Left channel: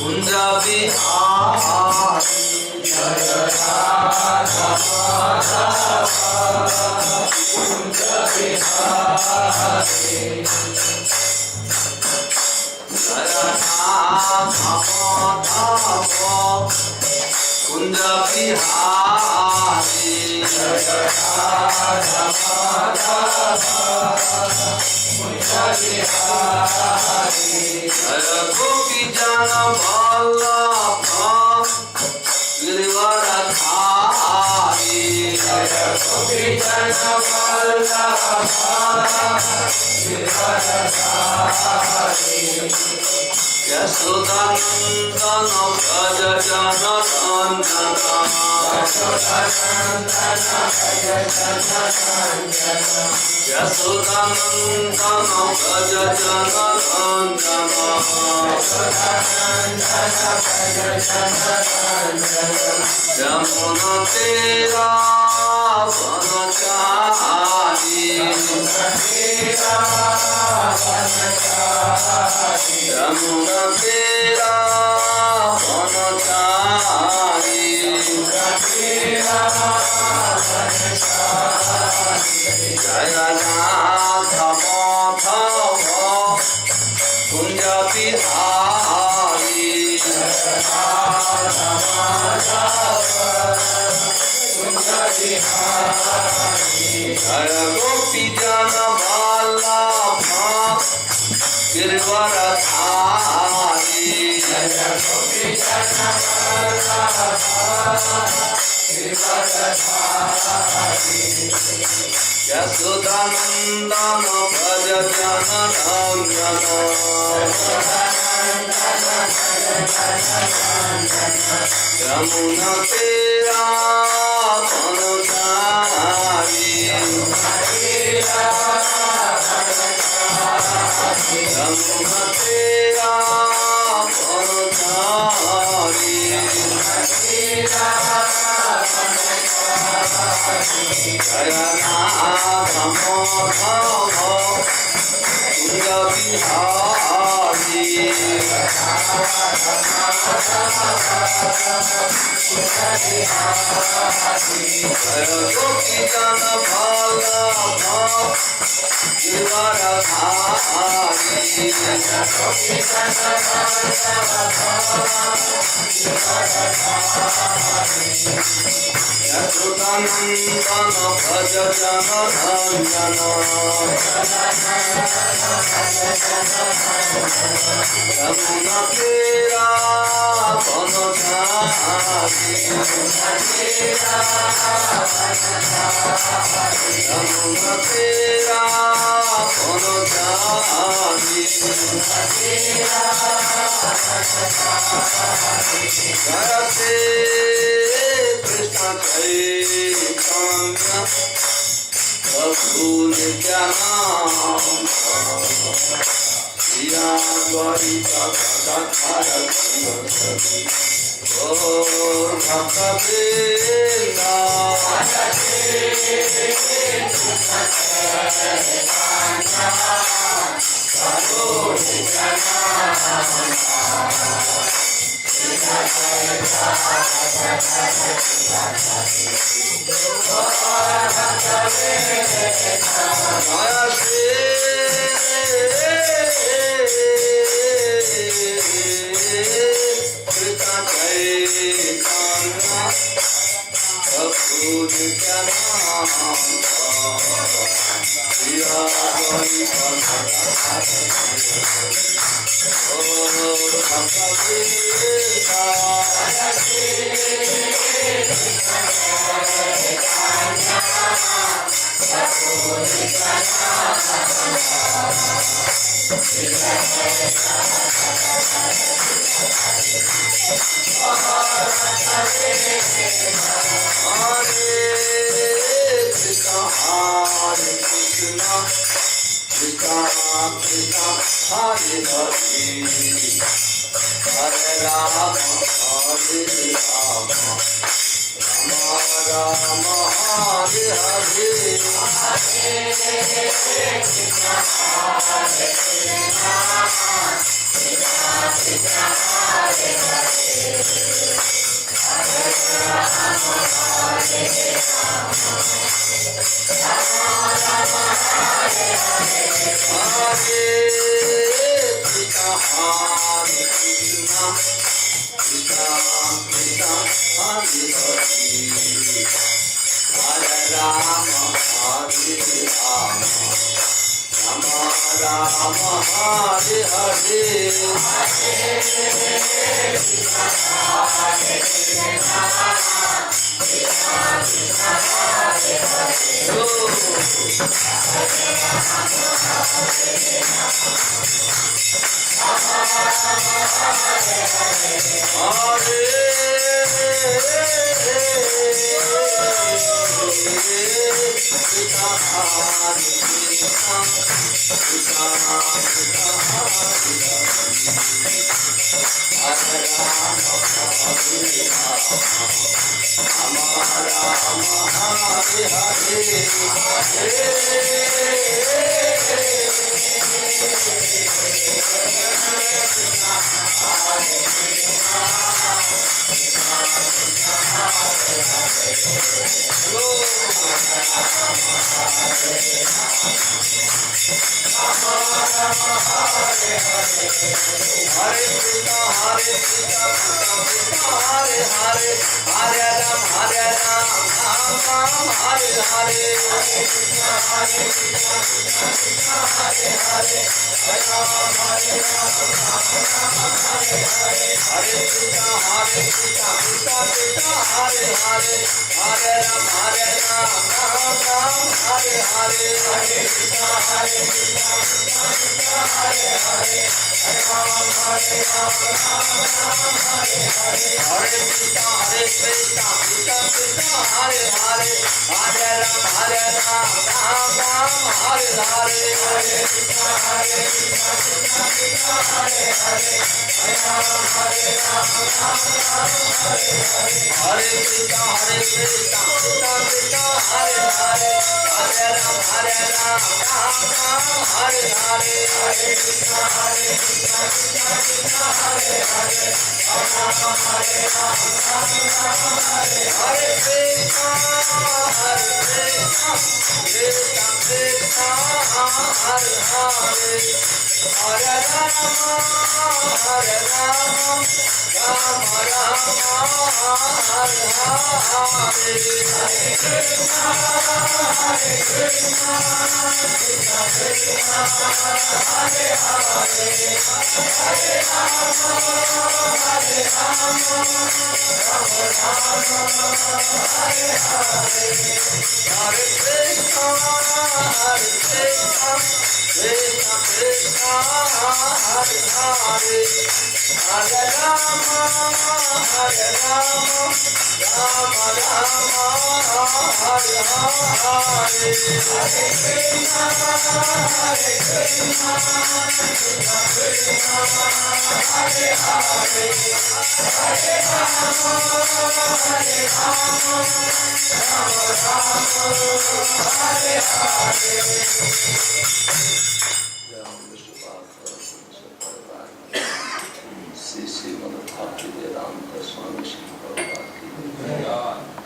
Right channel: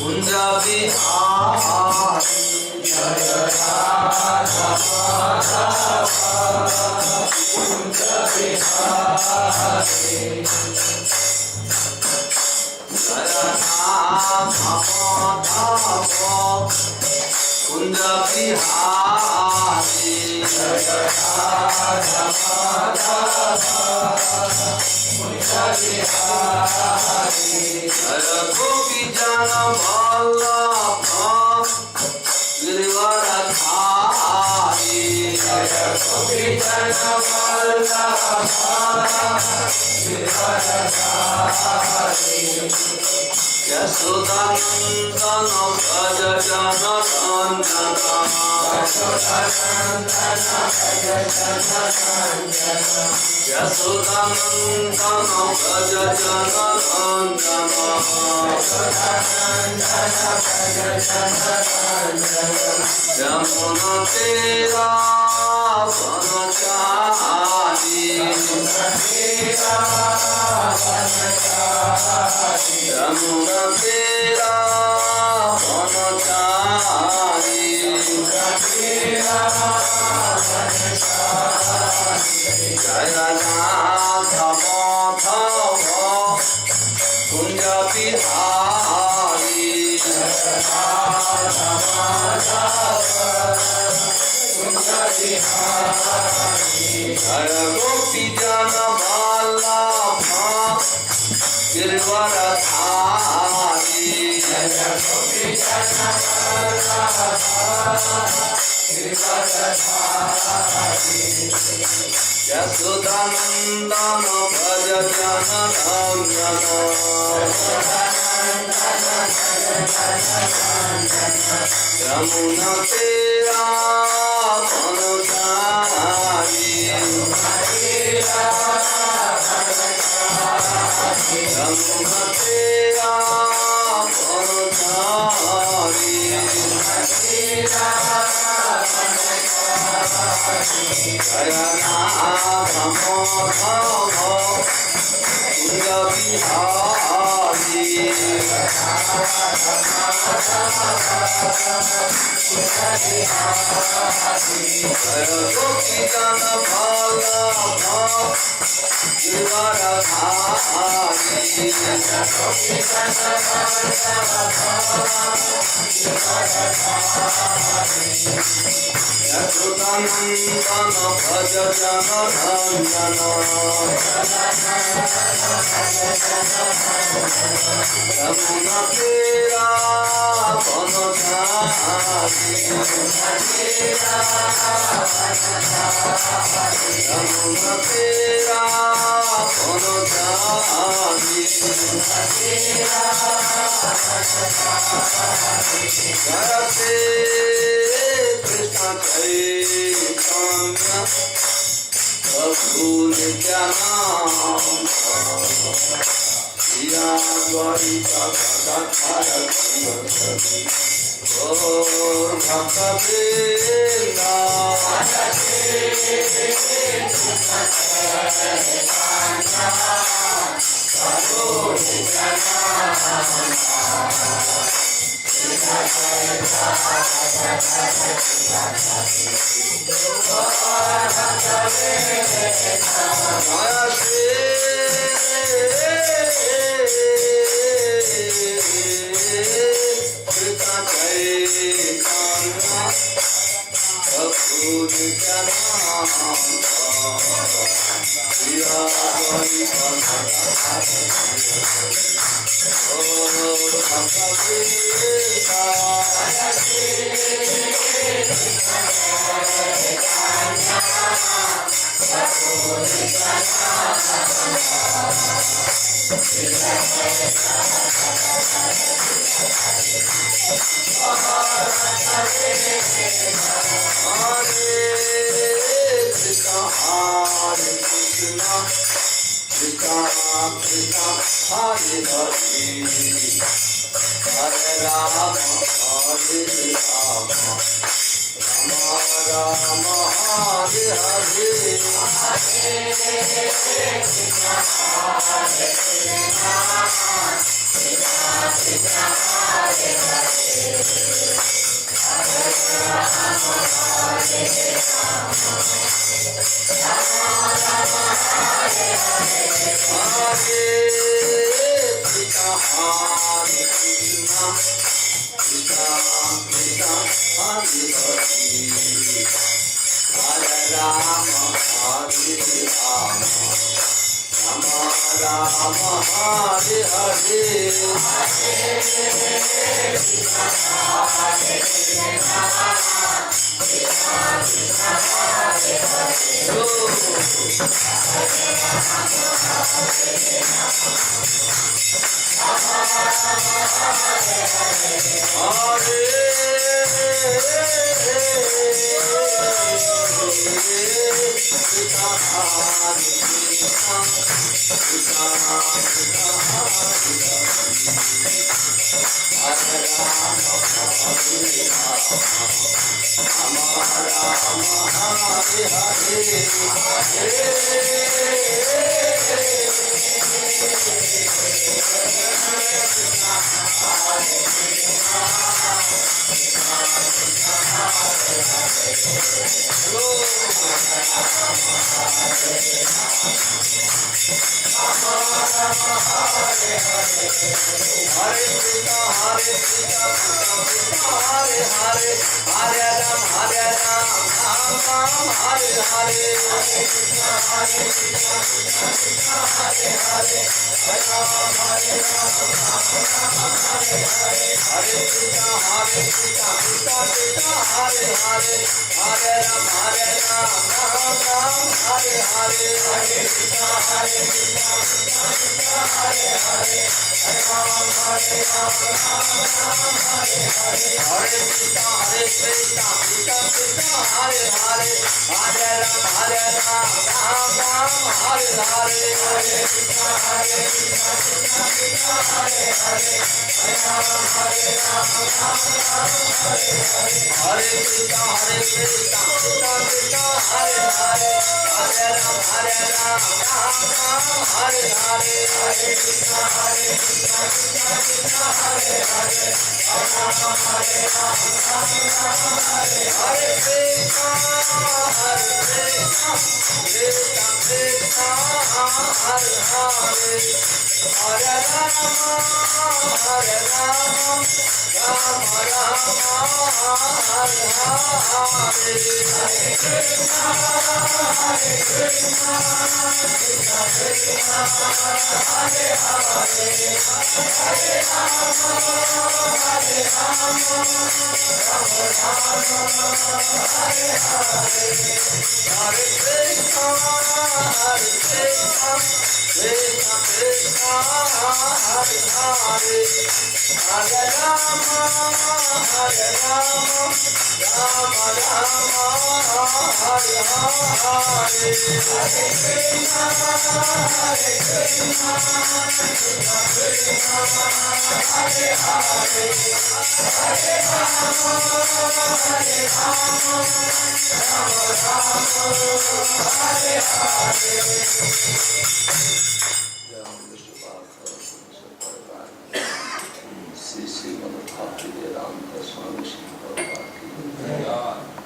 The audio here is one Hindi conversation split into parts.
कुंज बिहारी जय राधा कुंज बिहारी जय राधा कुंज बिहारी जय राधा कुंज बिहारी जय गोपी जन वल्लभ गिरिवरधारी जय गोपी जन वल्लभ गिरिवरधारी यशोदानंदन भज जन नंदन यशोदानंदन भज जन नंदन यमुना तेरा वनचारी यमुना तेरा वनचारी जय राधा माधव कुंज बिहारी जय गोपी जन वल्लभ गिरिवरधारी जय गोपी जन गिरिवरधारी यशोदानंदन भज जन नंदन यमुना तेरा वनचारी यमुना तेरा वनचारी जय राधा माधव कुंज बिहारी जय गोपी जन वल्लभ गिरिवरधारी यशोदानंदन भज जन नंदन यमुना तेरा वनचारी यमुना तेरा वनचारी जय कृष्ण चैतन्य प्रभु नित्यानंद श्रीया द्वैत गौर भक्तवृंद राम हरे हरे हरे कृष्णा हरे कृष्णा कृष्णा कृष्णा हरे हरे हरे राम हरे राम राम राम हरे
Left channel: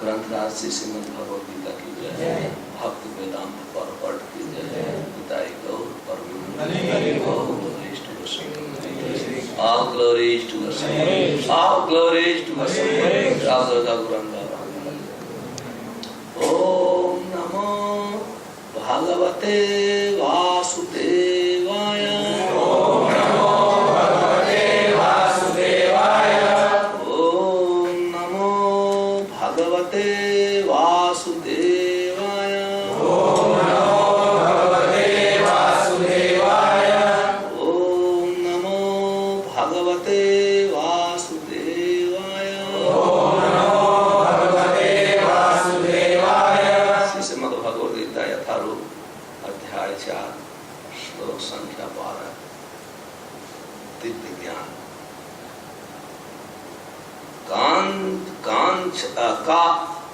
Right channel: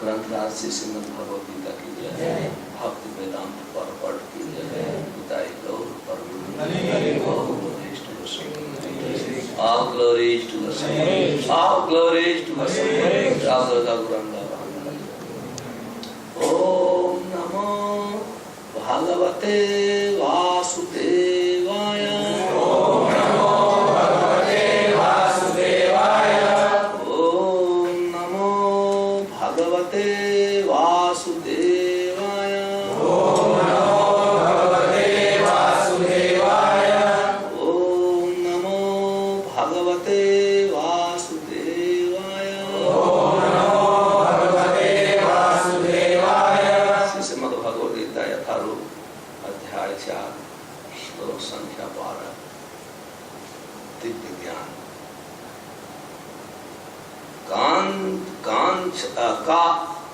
ग्रंथराज से श्रीमद् भगवद गीता की जय, भक्त वेदांत पर पढ़ की जय, पिताई गौर पर all glories to us, all glories to us, Radha Guranga. Om Namo Bhagavate Vasudevaya. Om Namo Bhagavate Vasudevaya. Om Namo Bhagavate Vasudevaya. Om Namo Bhagavate Vasudevaya. Om Namo Bhagavate Vasudevaya. Om Namo Bhagavate Vasudevaya. Shrimad Bhagavad Gita यथारूप अध्याय 4 श्लोक संख्या 12 दिव्य ज्ञान। कांत कांत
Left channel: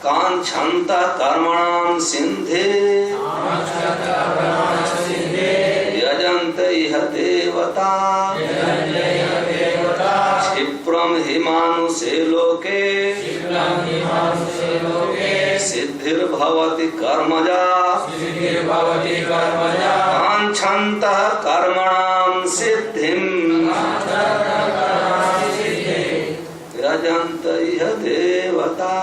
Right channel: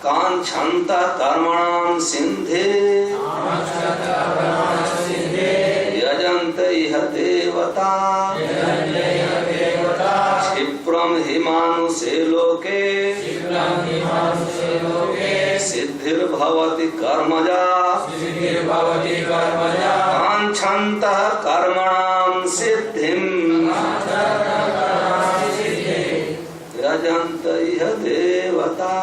कांक्षन्त कर्मणां सिंधे यजन्त इह देवता क्षिप्रम हि मानुषे लोके सिद्धिर्भवति कर्मजा कांक्षन्त कर्मणां सिद्धिं यजन्त इह देवता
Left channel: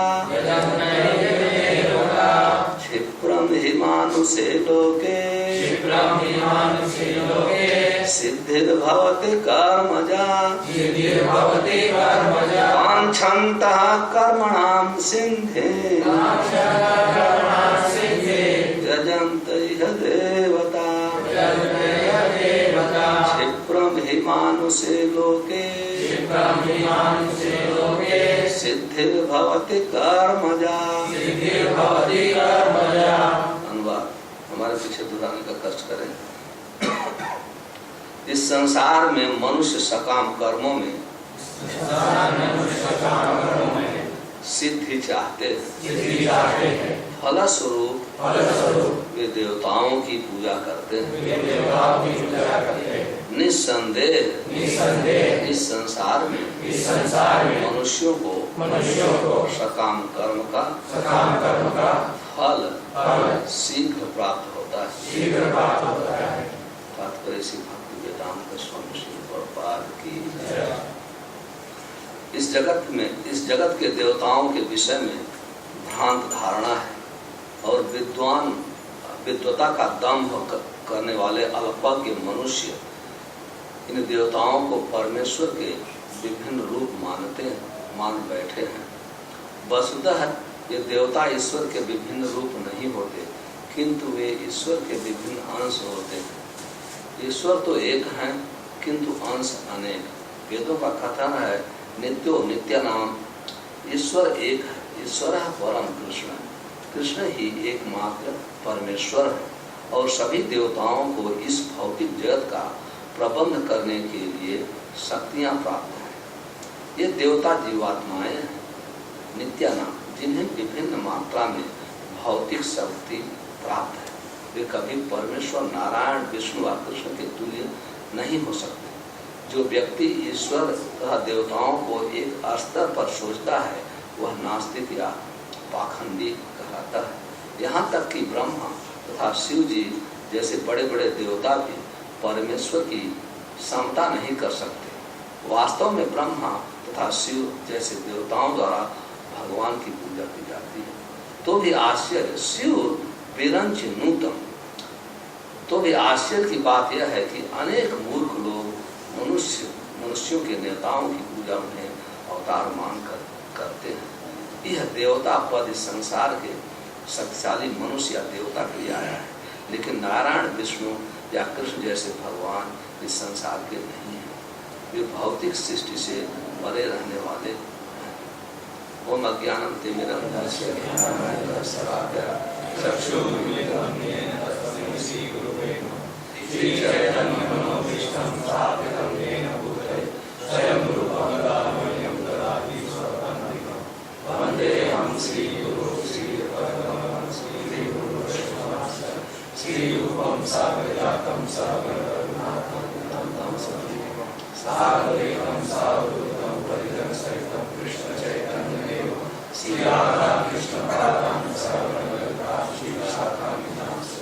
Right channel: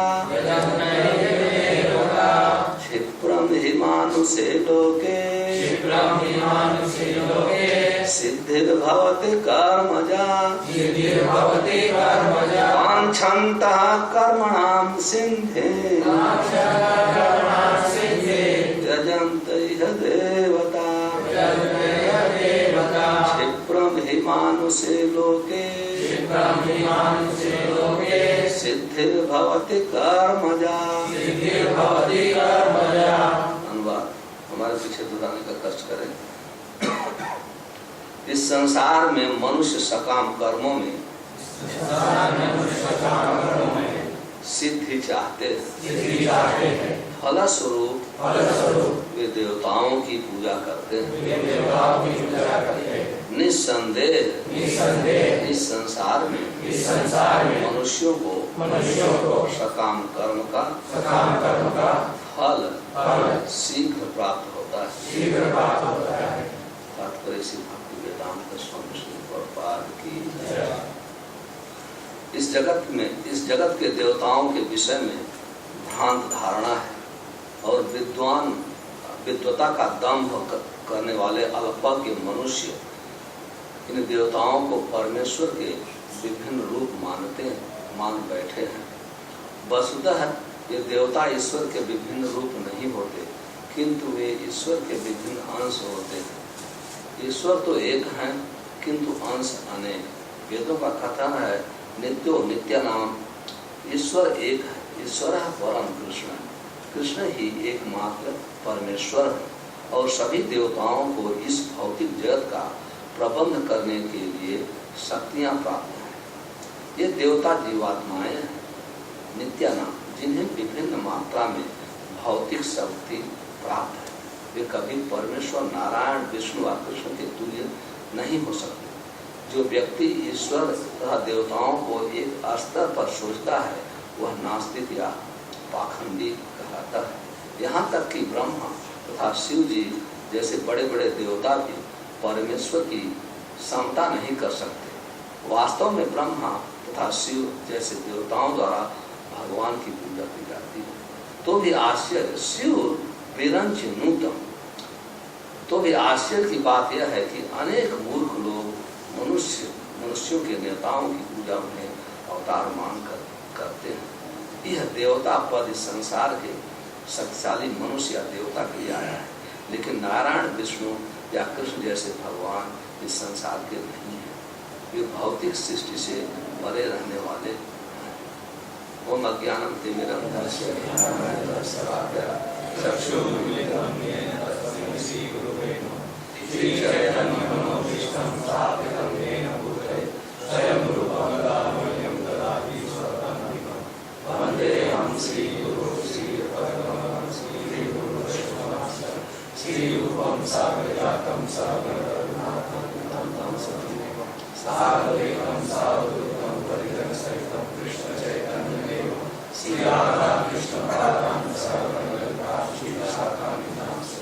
क्षिप्रम हि मानुषे लोके सिद्धिर्भवति कर्मजा कांक्षन्तः कर्मणां सिंधे यजन्त इह देवता क्षिप्रम हि मानुषे लोके सिद्धिर्भवति कर्मजा। अनुवाद हमारे पीछे दुराने का कष्ट करें। इस संसार में मनुष्य सकाम कर्मों में सिद्धि चाहते हैं, फलस्वरूप वे देवताओं की पूजा करते हैं। निस्संदेह इस संसार में मनुष्यों को सकाम कर्म का फल शीघ्र प्राप्त होता है। तात्पर्य से भक्ति वेदांत स्वामी श्री प्रभुपाद की। इस जगत के देवताओं के विषय में भ्रांत धारणा है और विद्वता का दंभ करने वाले अल्पज्ञ मनुष्य इन देवताओं को परमेश्वर के विभिन्न रूप मान बैठे हैं। वस्तुतः ये देवता ईश्वर के विभिन्न रूप नहीं होते, किंतु वे ईश्वर के विभिन्न अंश होते हैं। ईश्वर तो एक हैं, किंतु अंश अनेक। वेदों का कथन है नित्यो नित्यानाम, ईश्वर एक है, ईश्वर परम कृष्ण है, कृष्ण ही एकमात्र परमेश्वर है। और सभी देवताओं को इस भौतिक जगत का प्रबंध करने के लिए शक्तियां प्राप्त हैं। ये देवता जीवात्माएं हैं, नित्यानाम, जिन्हें विभिन्न मात्रा में भौतिक शक्ति प्राप्त है। वे कभी परमेश्वर नारायण विष्णु व कृष्ण के तुल्य नहीं हो सकते। जो व्यक्ति ईश्वर तथा देवताओं को एक स्तर पर सोचता है वह नास्तिक या पाखंडी कहलाता है। यहाँ तक कि ब्रह्मा तथा शिव जी जैसे बड़े बड़े देवता भी परमेश्वर की समता नहीं कर सकते। वास्तव में ब्रह्मा तथा शिव जैसे देवताओं द्वारा भगवान की पूजा की जाती है। तो भी आश्चर्य शिव विरंच नूतम। तो भी आश्चर्य की बात यह है कि अनेक मूर्ख लोग मनुष्यों के नेताओं की पूजा उन्हें अवतार मानकर करते हैं। यह देवता पद इस संसार के शक्तिशाली मनुष्य या देवता के लिए आया है, लेकिन नारायण विष्णु या कृष्ण जैसे भगवान इस संसार के नहीं है। वे भौतिक सृष्टि से परे रहने वाले हैं। ओम अज्ञानम तिमिरन्धस्य ज्ञानाञ्जनशलाकया चक्षुरुन्मीलितं येन तस्मै श्रीगुरुवे नमः। श्रीचैतन्यमनोभीष्टं स्थापितं येन भूतले स्वयं रूपं दामह्यं ददाति स्वपदान्तिकं। वन्देऽहं श्रीगुरुं श्रीपरमं श्रीगुरुवैष्णवं श्रीरूपं साग्रजातं सहगणरघुनाथं तं सजीवं साग्रजातं सावधूतं परिजनसहितं कृष्णचैतन्यदेवं श्रीराधा कृष्णपादां सहगणललिता श्रीविशाखान्वितांश्च।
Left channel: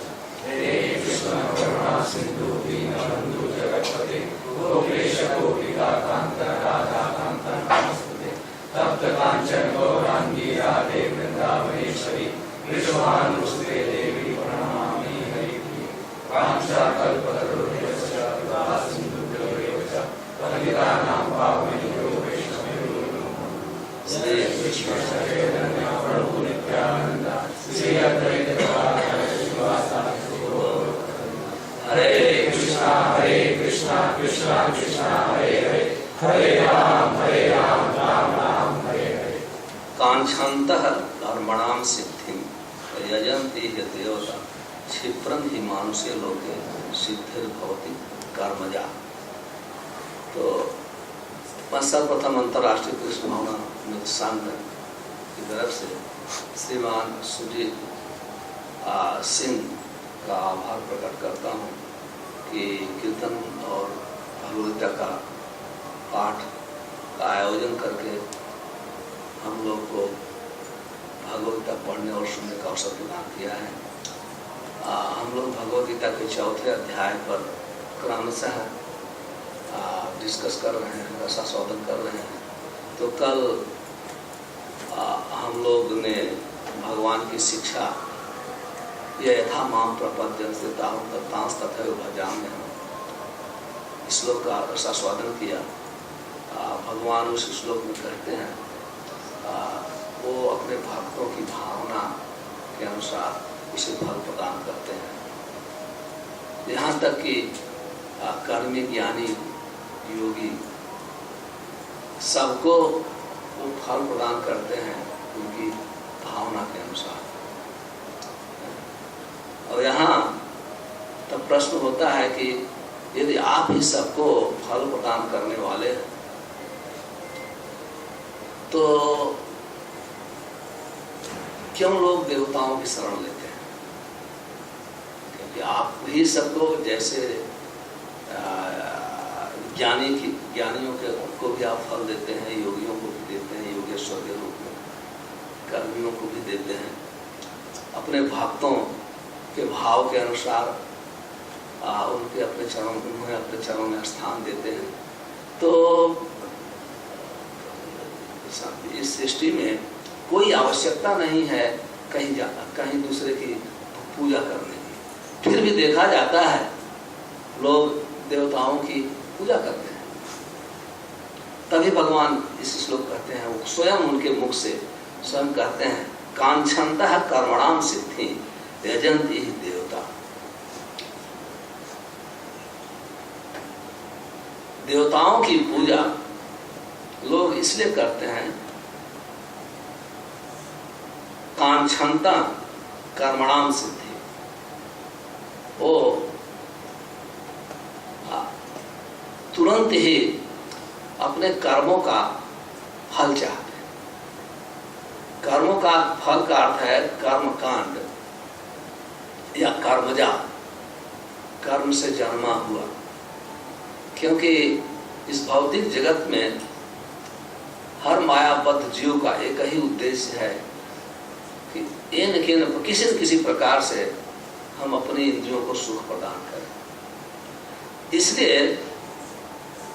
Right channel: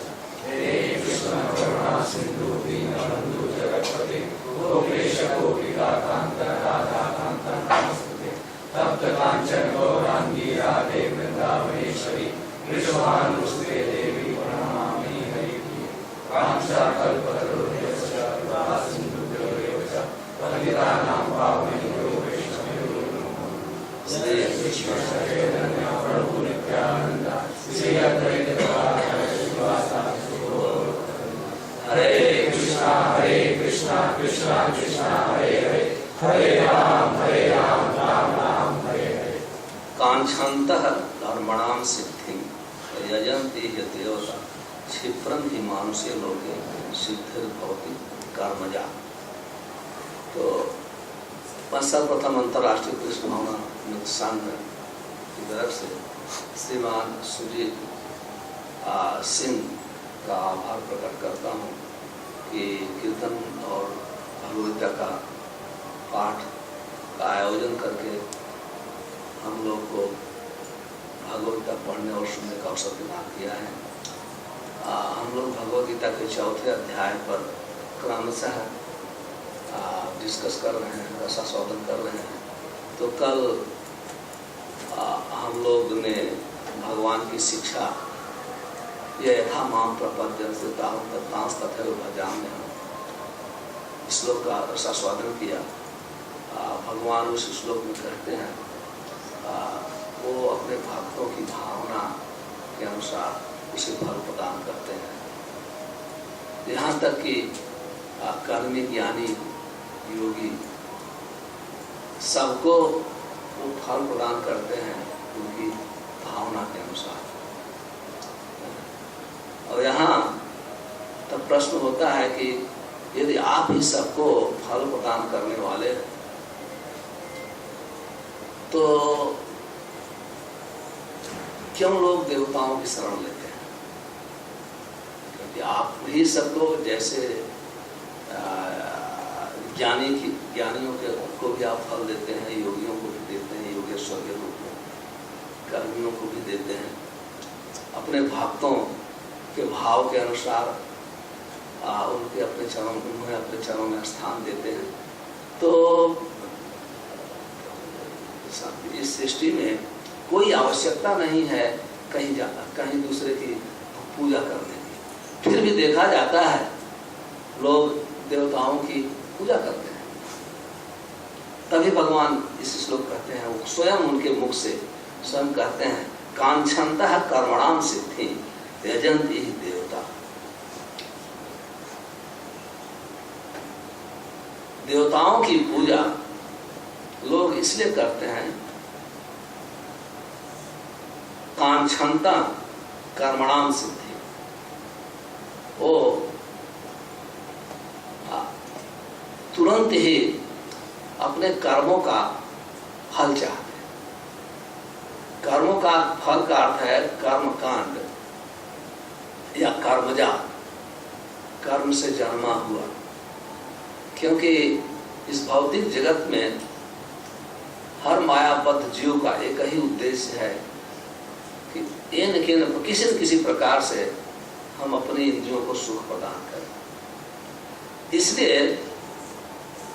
हे कृष्ण करुणा सिन्धु दीनबन्धु जगत्पते गोपेश गोपिकान्त राधाकान्त नमस्ते। तप्त काञ्चन गौराङ्गी राधे वृन्दावनेश्वरी विश्वानुसुते देवी प्रणमामि हरिप्रिये। काञ्चकल्पतरुभ्यश्च कृपा सिन्धुभ्यो च पतितानां पावनेभ्यो वैष्णवेभ्यो नमः। श्री कृष्ण चैतन्य प्रभु नित्यानंद श्री अद्वैत गदाधर श्रीवासादि गौर। हरे कृष्णा कृष्णा कृष्णा हरे हरे, हरे राम राम राम हरे हरे। कांक्षन्तः कर्मणां सिद्धिं यजन्ति हि देवता क्षिप्रं हि मानुषे लोके सिद्धिर्भवति कर्मजा। तो सर्वप्रथम अंतर्राष्ट्रीय कृष्ण भावना संघ की तरफ से श्रीमान सुजीत सिंह का आभार प्रकट करता हूँ कि कीर्तन और भगवद्गीता का पाठ का आयोजन करके हम लोग को भगवद्गीता पढ़ने और सुनने का अवसर प्रदान किया है। हम लोग भगवद्गीता के 4थे अध्याय पर क्रमशः डिस्कस कर रहे हैं, रसास्वादन कर रहे हैं। तो कल हम लोग ने भगवान की शिक्षा ये यथा माम प्रपद्यं तथैव भजाम्यहम् श्लोक का रसास्वादन किया। भगवान उस श्लोक में कहते हैं वो अपने भक्तों की भावना के अनुसार उसे फल प्रदान करते हैं। यहाँ तक कि कर्मी ज्ञानी योगी सबको वो फल प्रदान करते हैं उनकी भावना के अनुसार। और यहाँ तब प्रश्न होता है कि यदि आप ही सबको फल प्रदान करने वाले हैं तो क्यों लोग देवताओं की शरण लेते हैं? क्योंकि आप ही सबको जैसे ज्ञानियों के उनको भी आप फल देते हैं, योगियों को भी देते हैं, योगेश्वर के रूप में, कर्मियों को भी देते हैं। अपने भक्तों के भाव के अनुसार उन्हें अपने चरणों में स्थान देते हैं। तो इस सृष्टि में कोई आवश्यकता नहीं है कहीं दूसरे की पूजा करने की। फिर भी देखा जाता है लोग देवताओं की पूजा करते हैं। तभी भगवान इस श्लोक कहते हैं, वो स्वयं उनके मुख से स्वयं कहते हैं, कांक्षन्तः कर्मणाम सिद्धि यजन्ति हि देवता। देवताओं की पूजा लोग इसलिए करते हैं, कांक्षन्ता कर्मणाम सिद्धि, वो तुरंत ही अपने कर्मों का फल चाहते हैं। कर्मों का फल का अर्थ है कर्मकांड या कर्मजा, कर्म से जन्मा हुआ। क्योंकि इस भौतिक जगत में हर मायाबद्ध जीव का एक ही उद्देश्य है कि किसी न किसी प्रकार से हम अपनी इंद्रियों को सुख प्रदान करें। इसलिए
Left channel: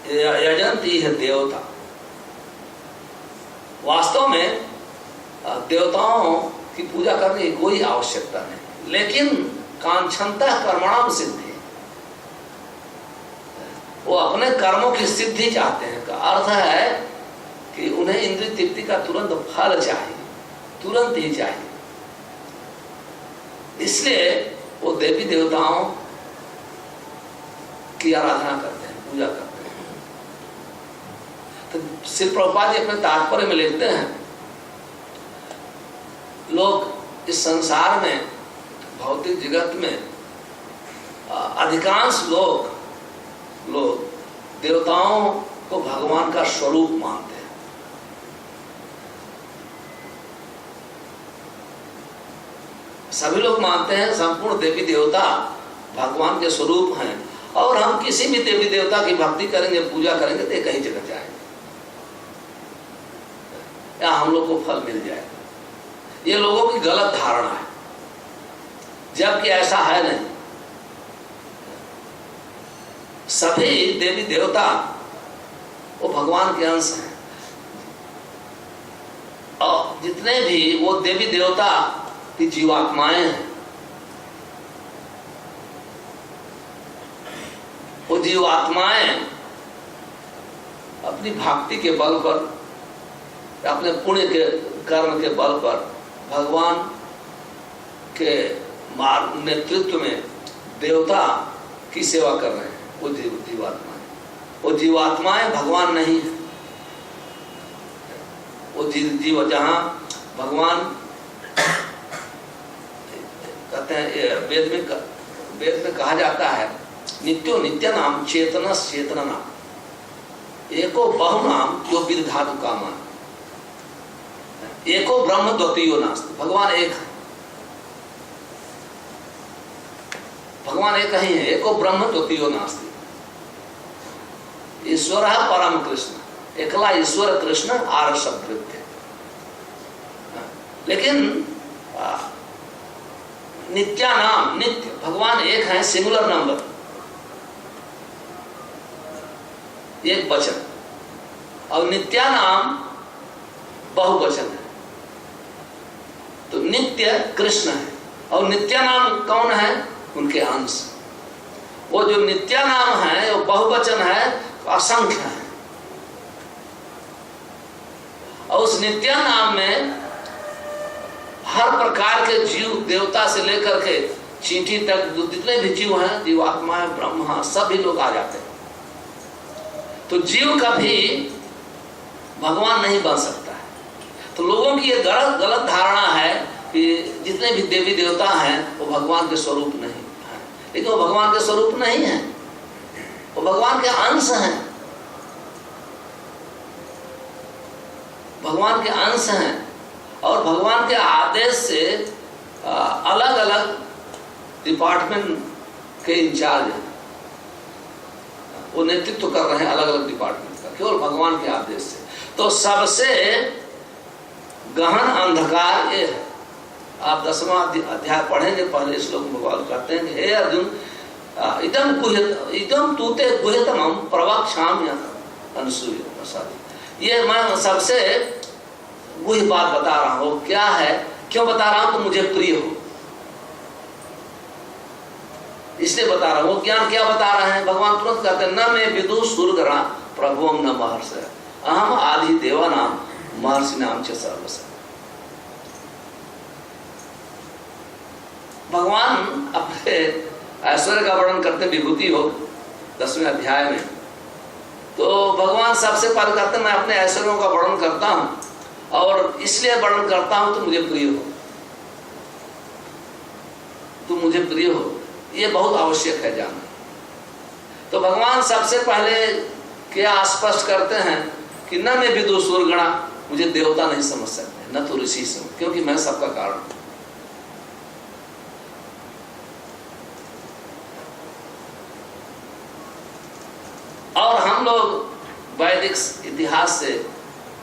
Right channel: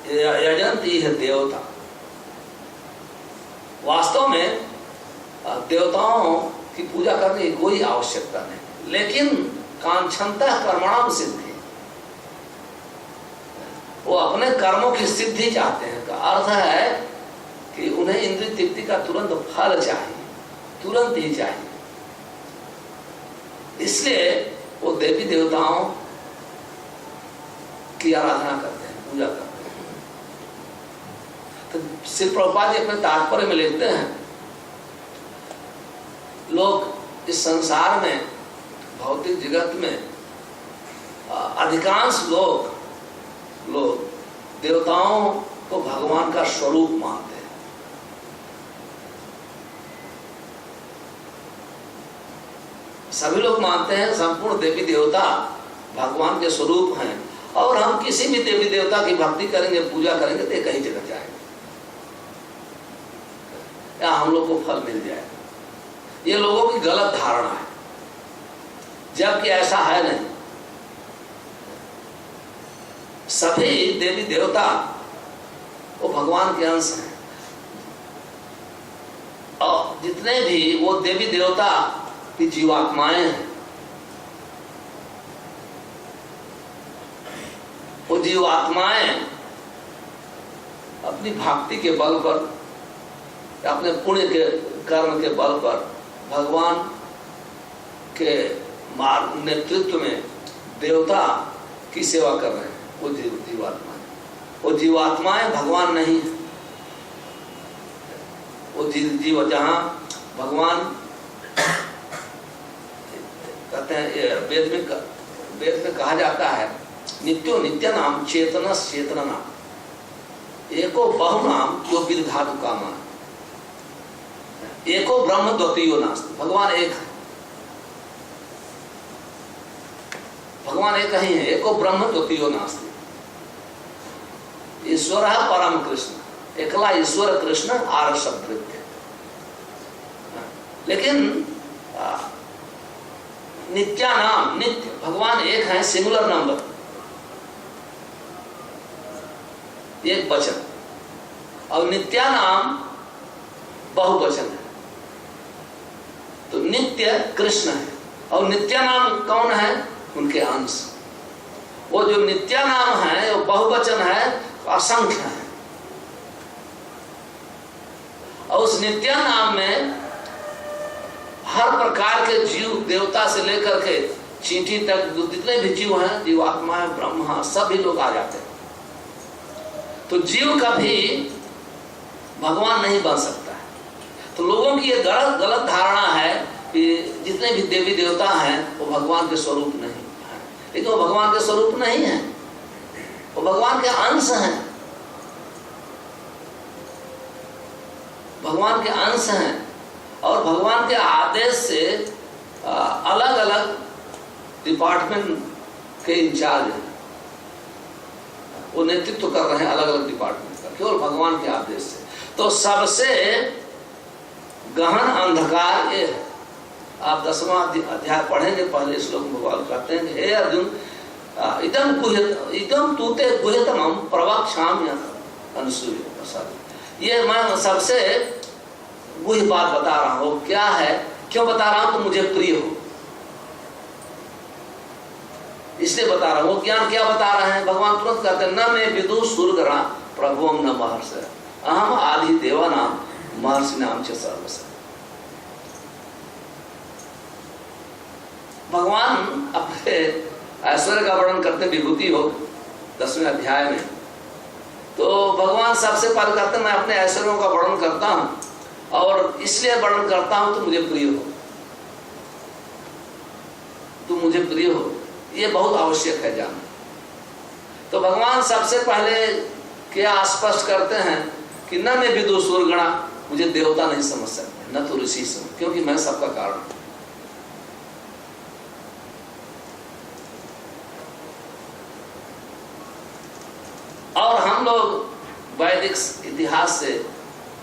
यजन्ति है देवता। वास्तव में देवताओं की पूजा करने की कोई आवश्यकता नहीं, लेकिन कांक्षन्तः कर्मणाम सिद्धि, वो अपने कर्मों की सिद्धि चाहते हैं। का अर्थ है कि उन्हें इंद्रिय तृप्ति का तुरंत फल चाहिए, तुरंत ही चाहिए। इसलिए वो देवी देवताओं की आराधना करते हैं, पूजा करते हैं। तो श्री प्रभुपाद जी अपने तात्पर्य में लिखते हैं, लोग इस संसार में भौतिक जगत में अधिकांश लोग देवताओं को भगवान का स्वरूप मानते हैं। सभी लोग मानते हैं संपूर्ण देवी देवता भगवान के स्वरूप हैं, और हम किसी भी देवी देवता की भक्ति करेंगे, पूजा करेंगे तो कहीं जगह जाएंगे या हम लोग को फल मिल जाएगा। ये लोगों की गलत धारणा है, जबकि ऐसा है नहीं। सभी देवी देवता वो भगवान के अंश हैं, और जितने भी वो देवी देवता की जीवात्माएं हैं, वो जीवात्माएं अपनी भक्ति के बल पर, अपने पुण्य के कर्म के बल पर भगवान के मार्ग नेतृत्व में देवता की सेवा कर रहे हैं। वो जीवात्माएं भगवान नहीं है। वो जीव जहां भगवान कहते हैं, वेद में कहा जाता है, नित्यो नित्य नाम चेतना चेतना नाम एको बहु नाम जो विधातु कामा। एको ब्रह्म द्वितीयो नास्ति, भगवान एक है, भगवान एक ही है, एको ब्रह्म द्वितीयो नास्ति। ईश्वर परम कृष्ण, एकला ईश्वर कृष्ण आर शब्द। लेकिन नित्यानाम, नित्य भगवान एक है, सिंगुलर नंबर, एक वचन, और नित्यानाम बहुवचन है। तो नित्य कृष्ण है और नित्यानाम कौन है? उनके अंश। वो जो नित्यानाम है वो बहुवचन है, असंख्य है। और उस नित्यानाम में हर प्रकार के जीव, देवता से लेकर के चींटी तक जितने भी जीव हैं, जीवात्मा है, ब्रह्मा, सभी लोग आ जाते हैं। तो जीव कभी भगवान नहीं बन सकता है। तो लोगों की ये गलत धारणा है कि जितने भी देवी देवता हैं वो भगवान के स्वरूप नहीं है, लेकिन वो भगवान के स्वरूप नहीं है, वो भगवान के अंश हैं, भगवान के अंश हैं। और भगवान के आदेश से अलग अलग डिपार्टमेंट के इंचार्ज हैं, वो नेतृत्व कर रहे हैं अलग अलग डिपार्टमेंट का, केवल भगवान के आदेश से। तो सबसे गहन अंधकार ये है। आप 10वां अध्याय पढ़ेंगे, पहले श्लोक में भगवान कहते हैं कि हे अर्जुन, इदम तूते गुह्यतमं प्रवक्ष्यामि अनुसूय। ये मैं सबसे गुह्य बात बता रहा हूं। क्या है, क्यों बता रहा हूं? तो मुझे प्रिय हो, इसलिए बता रहा हूं। ज्ञान क्या बता रहे हैं? भगवान तुरंत कहते हैं, न मैं विदु सुरगणा प्रभुम न महर्षि अहम आदि देवानाम महर्षि नाम च सर्वस्य। भगवान अपने ऐश्वर्य का वर्णन करते विभूति हो 10वें अध्याय में। तो भगवान सबसे पहले कहते हैं, मैं अपने ऐश्वर्यों का वर्णन करता हूं, और इसलिए वर्णन करता हूं तो मुझे प्रिय हो, तुम मुझे प्रिय हो। ये बहुत आवश्यक है जानना। तो भगवान सबसे पहले क्या स्पष्ट करते हैं कि न मैं विदु सुरगणा, मुझे देवता नहीं समझ सकते, न तो ऋषि समझ, क्योंकि मैं सबका कारण हूं। और हम लोग वैदिक इतिहास से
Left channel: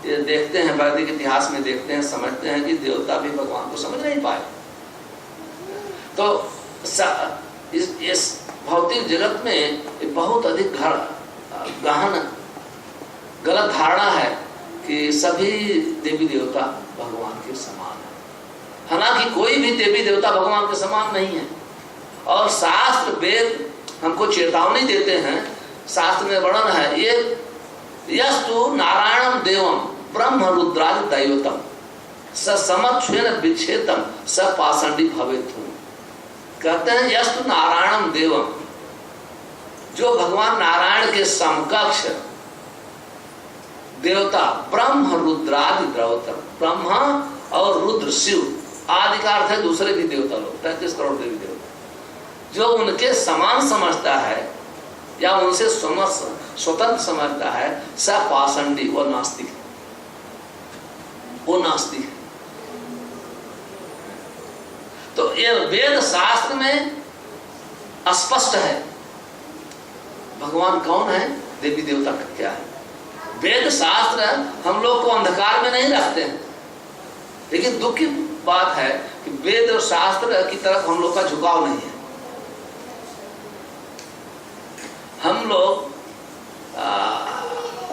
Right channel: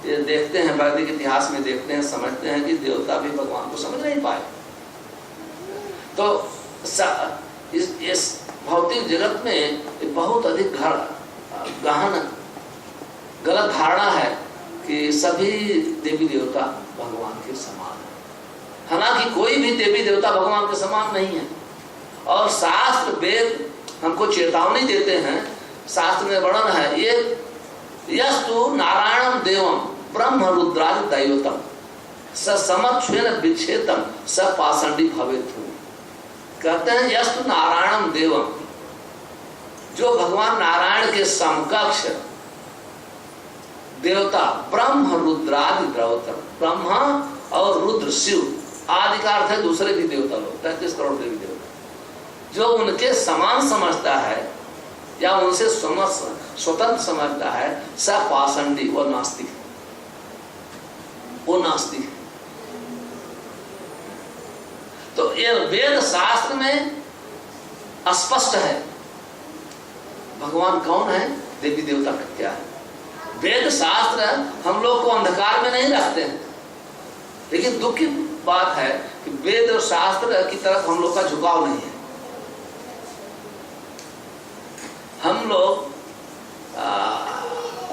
देखते हैं, वैदिक इतिहास में देखते हैं, समझते हैं कि देवता भी भगवान को समझ नहीं पाए। तो इस भौतिक जगत में बहुत अधिक गहन गलत धारणा है कि सभी देवी देवता भगवान के समान है। हालांकि कोई भी देवी देवता भगवान के समान नहीं है। और शास्त्र वेद हमको चेतावनी देते हैं, शास्त्र में वर्णन है, ये यस्तु नारायणम देवम ब्रह्म रुद्रादि दैवतम स समक्षेन विच्छेदम स पाषंडी भवेत्। कहते हैं यस्तु नारायणम देवम, जो भगवान नारायण के समकक्ष देवता ब्रह्म रुद्रादि दैवतम, ब्रह्मा और रुद्र शिव आदि का अर्थ है दूसरे भी देवता लोग, 33 करोड़ देवी देवता, जो उनके समान समझता है या उनसे स्वतंत्र समझता है, सब पाषंडी, वो नास्तिक, वो नास्तिक है। तो ये वेद शास्त्र में स्पष्ट है भगवान कौन है, देवी देवता क्या है। वेद शास्त्र हम लोग को अंधकार में नहीं रखते हैं, लेकिन दुख की बात है कि वेद और शास्त्र की तरफ हम लोग का झुकाव नहीं है। हम लोग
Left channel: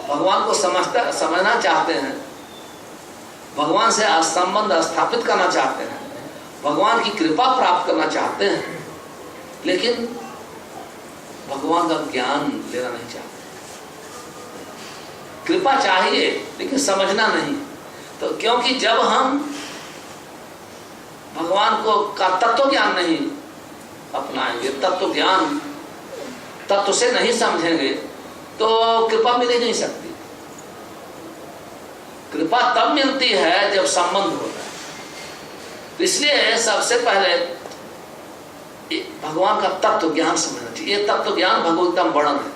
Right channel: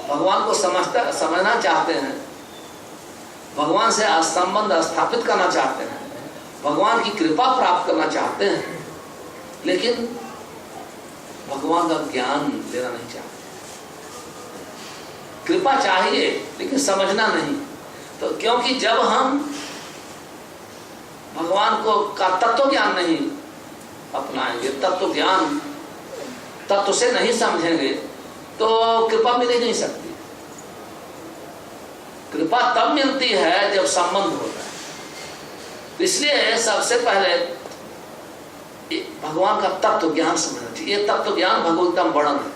भगवान को समझना चाहते हैं, भगवान से संबंध स्थापित करना चाहते हैं, भगवान की कृपा प्राप्त करना चाहते हैं, लेकिन भगवान का ज्ञान लेना नहीं चाहते। कृपा चाहिए लेकिन समझना नहीं। तो क्योंकि जब हम भगवान को का तत्व ज्ञान नहीं अपनाएंगे, तत्व ज्ञान तत्व से नहीं समझेंगे, तो कृपा मिल ही नहीं सकती। कृपा तब मिलती है जब संबंध होता है। तो इसलिए सबसे पहले भगवान का तत्व ज्ञान समझना चाहिए। ये तत्व ज्ञान भगवत में वर्णन है,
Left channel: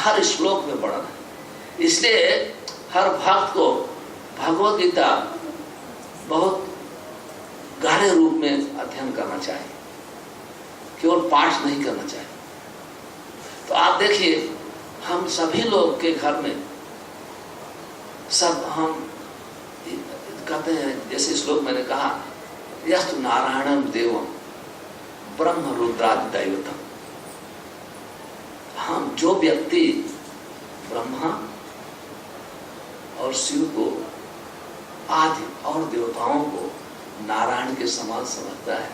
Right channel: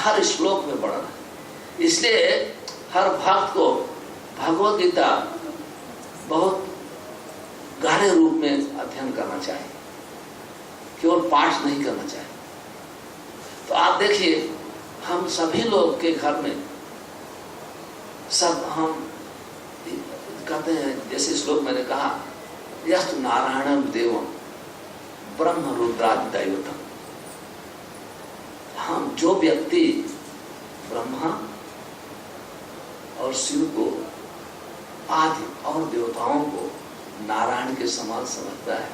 हर श्लोक में वर्णन है। इसलिए हर भक्त को भगवत गीता बहुत गहरे रूप में अध्ययन करना चाहिए, केवल पाठ नहीं करना चाहिए। तो आप देखिए, हम सभी लोग के घर में सब हम कहते हैं, जैसे श्लोक मैंने कहा, यस्तु नारायणम देवम ब्रह्म रुद्रादि दैवतम। हम जो व्यक्ति ब्रह्मा और शिव को आदि और देवताओं को नारायण के समान समझता है,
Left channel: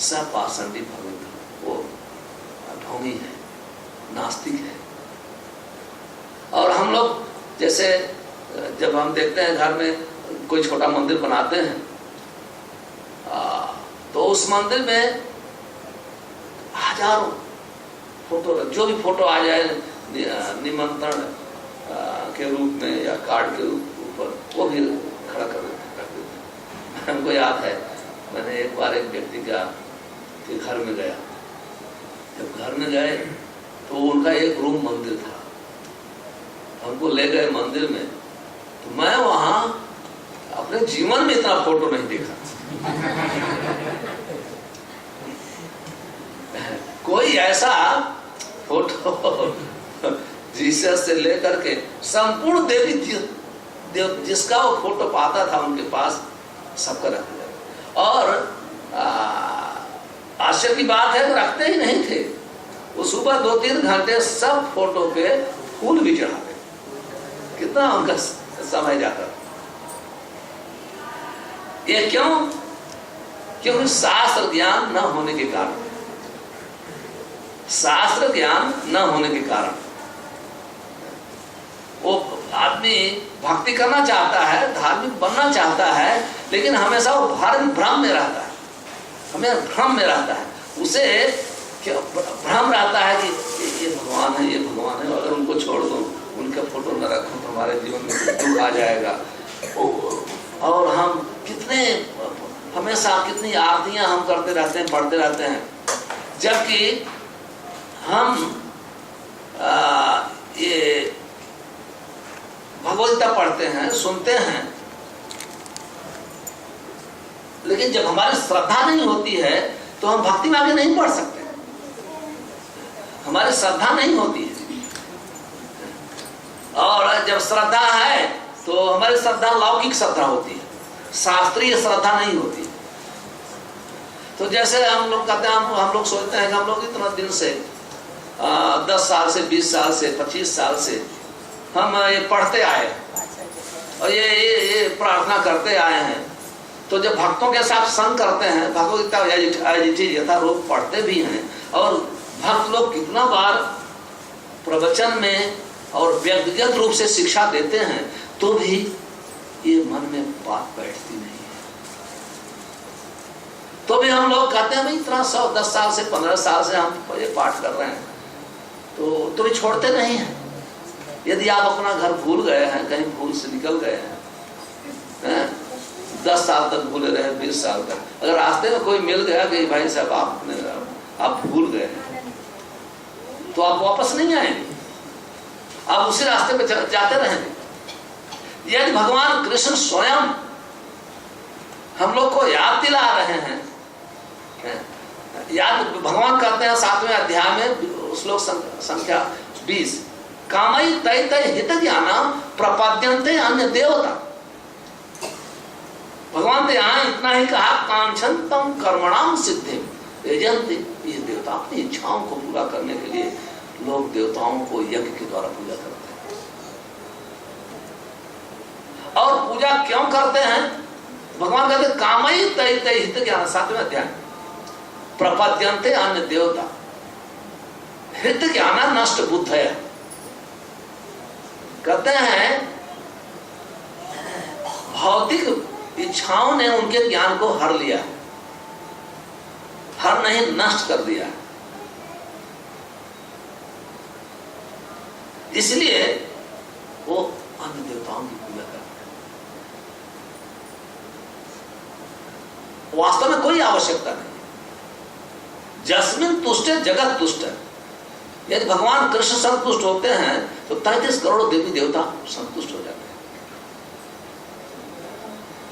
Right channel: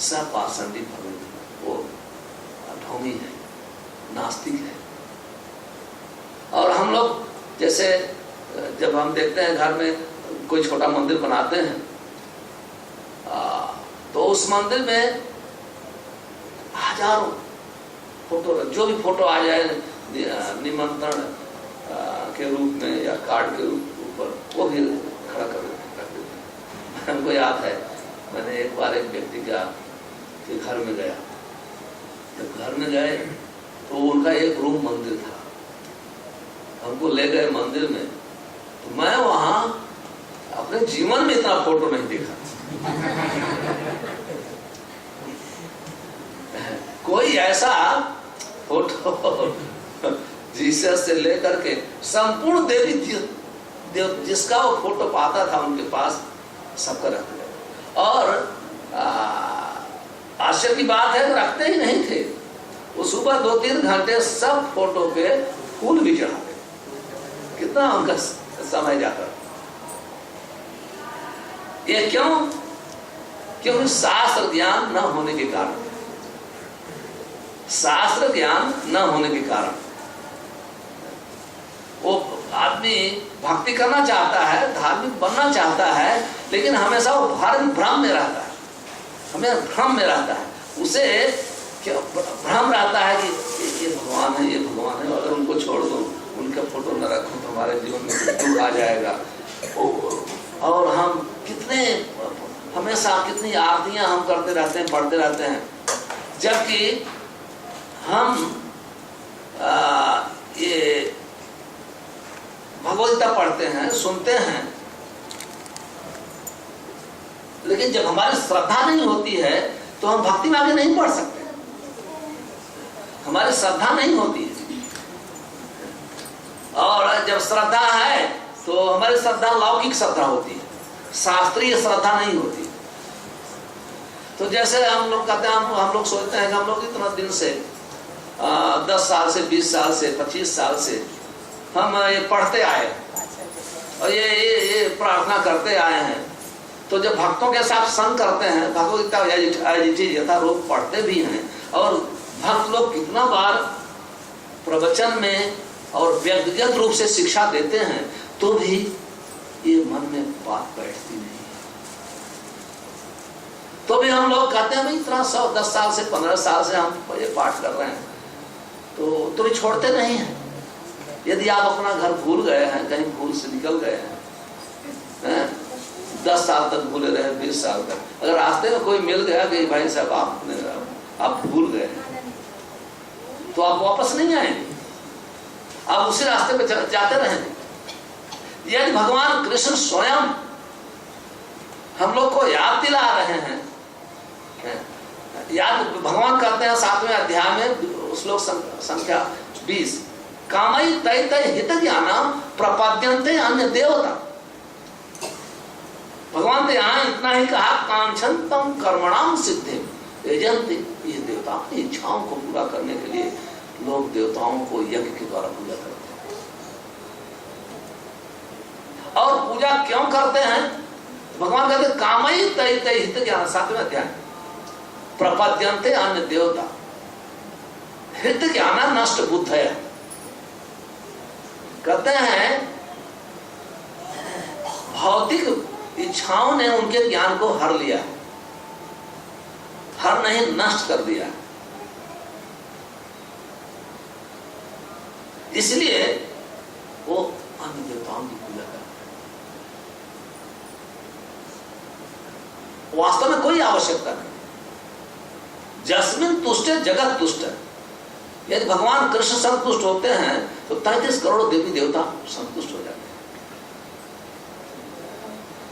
सब पाषंडी भगवंत, वो ढोंगी है, नास्तिक है। और हम लोग जैसे जब हम देखते हैं घर में कोई छोटा मंदिर बनाते हैं, तो उस मंदिर में हजारों फोटो, जो भी फोटो आ जाए निमंत्रण के रूप में या कार्ड के ऊपर, वो भी खड़ा कर देते हैं। हमको याद है, मैंने एक बार एक व्यक्ति के घर में गया। जब घर में गए तो उनका एक रूम मंदिर था, हमको ले गए मंदिर में, तो मैं वहां अपने जीवन में इतना फोटो नहीं देखा। कोई ऐसा फोटो जीसस से लेकर के संपूर्ण देवी जिसका वो फोटो पाता था उनके पास, सबका रख दिया। और आश्चर्य की बात है, रखते ही नहीं थे, वो सुबह 2-3 घंटे सब फोटो पे फूल भी चढ़ाते। कितना उनका समय जाता। ये क्यों? क्योंकि शास्त्र ज्ञान न होने के कारण, शास्त्र ज्ञान न होने के कारण वो आदमी भक्ति करना चाहता है, धार्मिक बनना चाहता है, लेकिन हमेशा वो भ्रम में रहता है, हमें भ्रम में रहता है। उसे क्या भ्रम रहता है कि ये भगवान है, ये भगवान है, अगर उनको छोड़ दो, उनका फोटो न रखो तो हमारे जीवन में दुख आ जाएगा। और हम कितने हमेशा कितनी आरतियां हम करते रहते हैं, पढ़ते रहते हैं, जबकि हम ये भगवद गीता पढ़ते हैं, सुनते हैं, लेकिन जब हमारी श्रद्धा नहीं होती है तो हम भक्ति में आगे नहीं बढ़ सकते। हमारी श्रद्धा नहीं होती है, और जब श्रद्धा है तो हमारी श्रद्धा लौकिक श्रद्धा होती है, शास्त्रीय श्रद्धा नहीं होती। तो जैसे हम लोग कहते हैं, हम लोग सोचते हैं कि हम लोग इतना दिन से 10 साल से, 20 साल से, 25 साल से हम ये पढ़ते आए और ये प्रार्थना करते आए हैं। तो जब भक्तों के साथ संग करते हैं, भगवद गीता यथारूप पढ़ते भी हैं, और भक्त लोग कितना बार प्रवचन में और व्यक्तिगत रूप से शिक्षा देते हैं, तो भी ये मन में बात बैठती नहीं है। तो भी हम लोग कहते हैं भाई इतना 10 साल से, 15 साल से हम ये पाठ कर रहे हैं, तो भी छोड़ते नहीं हैं। यदि आप अपना घर भूल गए हैं, कहीं भूल से निकल गए हैं, 10 साल तक भूले रहे, 20 साल तक, अगर रास्ते में कोई मिल गया कि भाई साहब आप भूल गए, तो आप वापस नहीं आएंगे, आप उसी रास्ते पे जाते रहेंगे। यदि भगवान कृष्ण स्वयं हम लोग को याद दिला रहे हैं, याद भगवान कहते हैं 7वें अध्याय में श्लोक संख्या 20, कामई तय तय हित ज्ञानम प्रपद्यन्ते अन्य देवता। भगवान ने यहाँ इतना ही कहा, कांक्षन्तम कर्मणाम सिद्धिम यजन्ते। ये देवता अपनी इच्छाओं को पूरा करने के लिए लोग देवताओं को यज्ञ के द्वारा पूजा करते हैं। और पूजा क्यों करते हैं? भगवान कहते हैं कामई तय तय हित ज्ञान, 7वें अध्याय, प्रपद्यन्ते अन्य देवता। हित ज्ञान नष्ट बुद्ध है। कहते हैं भौतिक इच्छाओं ने उनके ज्ञान को हर लिया, हर नहीं नष्ट कर दिया। इसलिए वो अन्य देवताओं की पूजा करते हैं। वास्तव में कोई आवश्यकता नहीं। जस्मिन तुष्ट जगत तुष्ट। यदि भगवान कृष्ण संतुष्ट होते हैं तो 33 करोड़ देवी देवता संतुष्ट हो जाते हैं।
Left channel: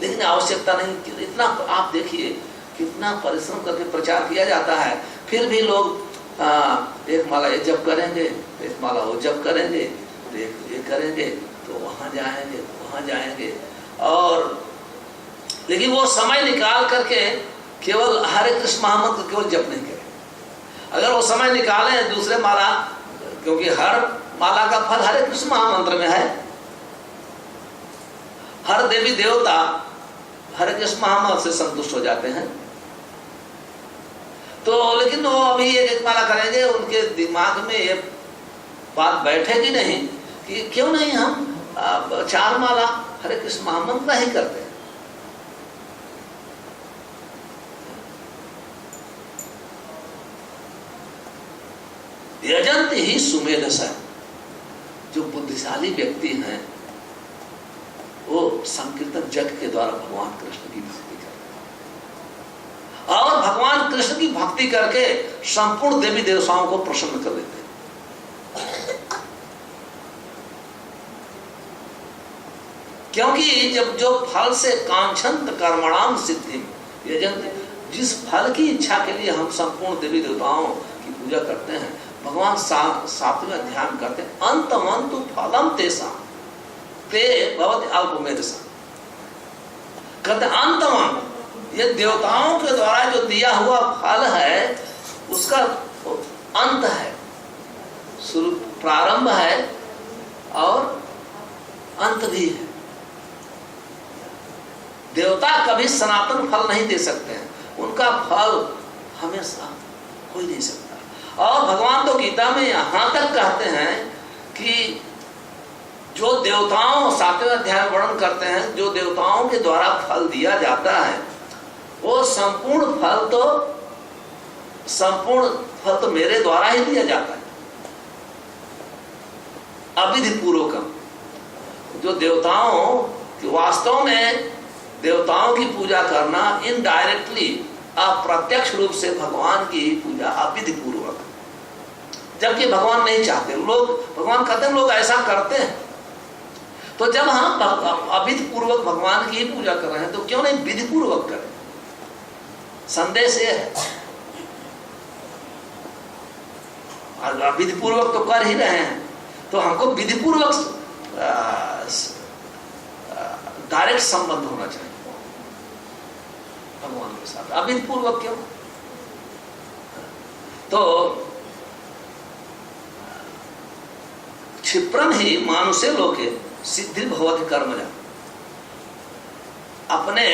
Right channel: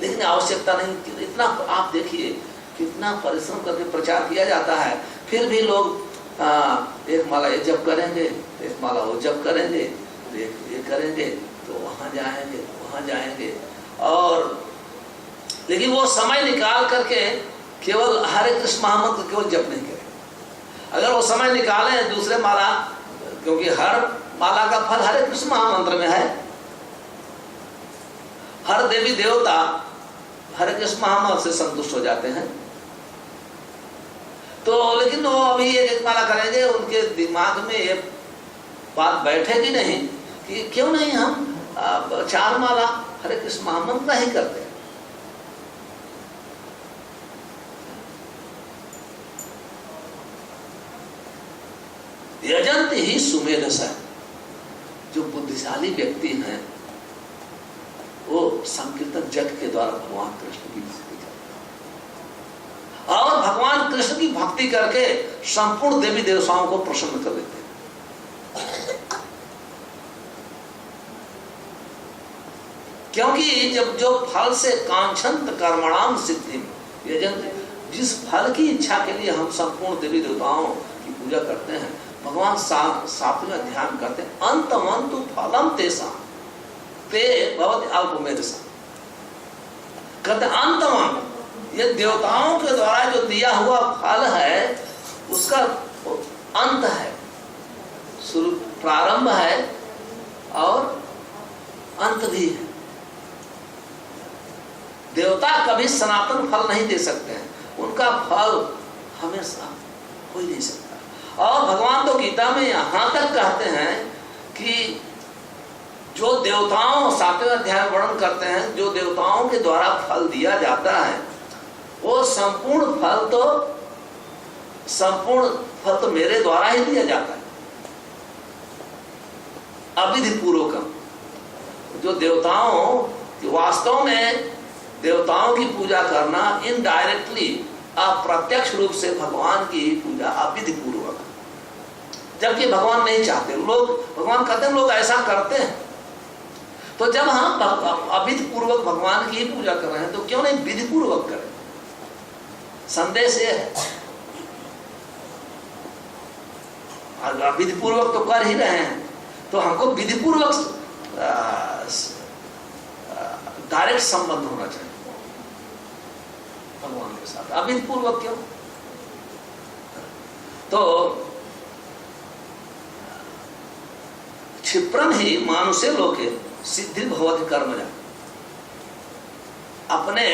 लेकिन आवश्यकता नहीं। इतना आप देखिए कितना परिश्रम करके प्रचार किया जाता है, फिर भी लोग एक माला ये जप करेंगे, एक माला वो जप करेंगे, एक ये करेंगे, तो वहां जाएंगे वहां जाएंगे, और लेकिन वो समय निकाल करके केवल हरे कृष्ण महामंत्र केवल जप नहीं करें। अगर वो समय निकालें दूसरे माला, क्योंकि हर माला का फल हरे कृष्ण महामंत्र में है, हर देवी देवता हरे कृष्ण महामंत्र से संतुष्ट हो जाते हैं। तो लेकिन वो अभी एक माला करेंगे, उनके दिमाग में ये बात बैठेगी नहीं कि क्यों नहीं हम 4 माला हरे कृष्ण महामंत्र ही करते हैं। यजंत ही सुमेधसा, जो बुद्धिशाली व्यक्ति हैं वो संकीर्तन जग के द्वारा भगवान कृष्ण की भक्ति करते हैं, और भगवान कृष्ण की भक्ति करके संपूर्ण देवी देवताओं को प्रसन्न कर देते हैं। क्योंकि जब जो फल से कांक्षंत कर्मणाम सिद्धि, यजंत, जिस फल की इच्छा के लिए हम संपूर्ण देवी देवताओं की पूजा करते हैं, भगवान 7वें अध्याय में कहते हैं अंतमंतु फलम तेषां ते भवति अल्पमेधसा। कहते अंतमंत, ये देवताओं के द्वारा जो दिया हुआ फल है उसका अंत है, शुरू प्रारंभ है और अंत भी है। देवता कभी सनातन फल नहीं दे सकते हैं, उनका फल हमेशा हो ही नहीं सकता। और भगवान तो गीता में यहां तक कहते हैं कि जो देवताओं, 7वें अध्याय में वर्णन करते हैं, जो देवताओं के द्वारा फल दिया जाता है वो संपूर्ण फल तो मेरे द्वारा ही दिया जाता है, अविधि पूर्वकम। जो देवताओं की वास्तव में देवताओं की पूजा करना इनडायरेक्टली, अप्रत्यक्ष रूप से भगवान की पूजा अविधि पूर्वक, जबकि भगवान नहीं चाहते। लोग, भगवान कहते हैं लोग ऐसा करते हैं, तो जब हम अविधि पूर्वक भगवान की ही पूजा कर रहे हैं तो क्यों नहीं विधि पूर्वक करें। संदेश ये है, विधि पूर्वक तो कर ही रहे हैं, तो हमको विधि पूर्वक डायरेक्ट संबंध होना चाहिए भगवान के साथ, अविधि पूर्वक क्यों। तो क्षिप्रम ही मानुषे लोके सिद्धि भवति कर्मजा। अपने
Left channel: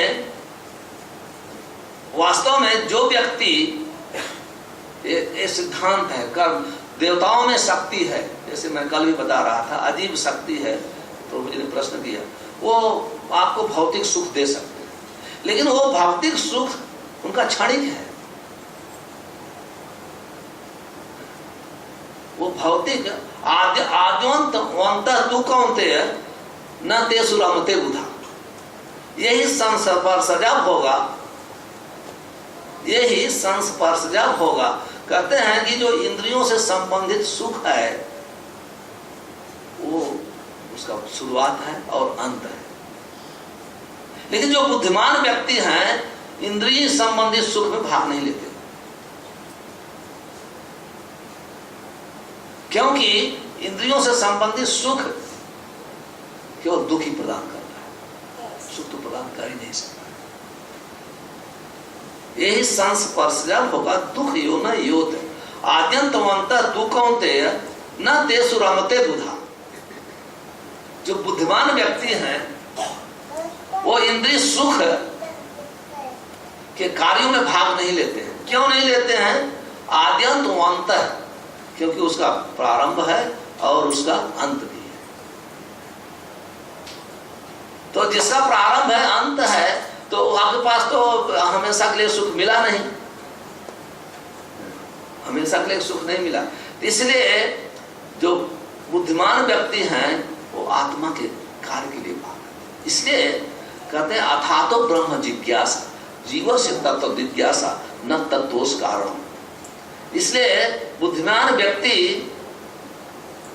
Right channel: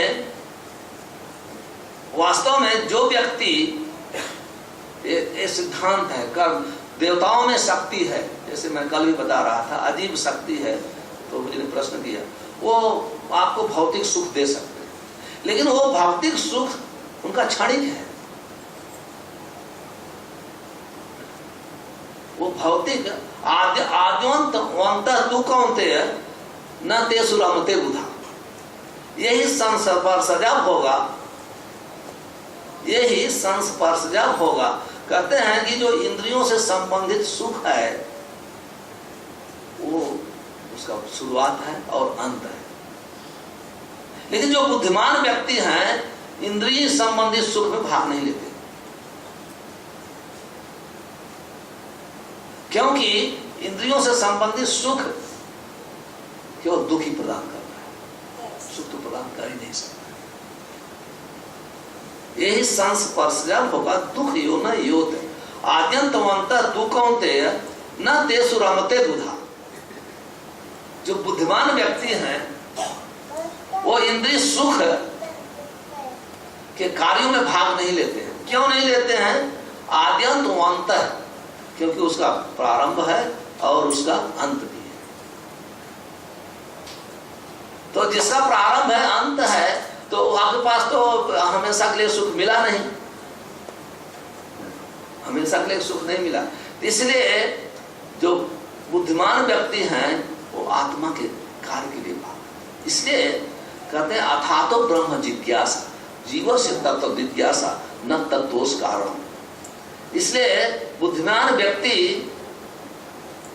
वास्तव में जो व्यक्ति, ये सिद्धांत है, कर्म, देवताओं में शक्ति है, जैसे मैं कल भी बता रहा था, अजीब शक्ति है। तो मुझे ने प्रश्न किया, वो आपको भौतिक सुख दे सकते हैं, लेकिन वो भौतिक सुख उनका क्षणिक है। वो भौतिक आद्यंत तू कौनते न ते सुरमते बुधा, यही संस्पर्शजा होगा, यही संस्पर्शजा होगा। कहते हैं कि जो इंद्रियों से संबंधित सुख है वो उसका शुरुआत है और अंत है, लेकिन जो बुद्धिमान व्यक्ति हैं इंद्रिय संबंधित सुख में भाग नहीं लेते, क्योंकि इंद्रियों से संबंधित सुख केवल दुख ही प्रदान करता है, सुख तो प्रदान कर ही नहीं सकता। यही संस्पर्शजा होगा, दुख यो न योत आद्यंतवंत दुखोंते न तेसु रमते बुधा। जो बुद्धिमान व्यक्ति हैं वो इंद्रिय सुख के कार्यों में भाग नहीं लेते हैं। क्यों नहीं लेते हैं? आद्यंत अंत, क्योंकि उसका प्रारंभ है और उसका अंत भी है। तो जिसका प्रारंभ है, अंत है, तो आपके पास तो हमेशा के लिए सुख मिला नहीं, हमेशा के लिए सुख नहीं मिला। इसलिए जो बुद्धिमान व्यक्ति हैं वो आत्मा के कार्य के लिए भाग। इसलिए कहते हैं अथातो ब्रह्म जिज्ञासा जीव से तत्व जिज्ञासा न तत्वोस कारण। इसलिए बुद्धिमान व्यक्ति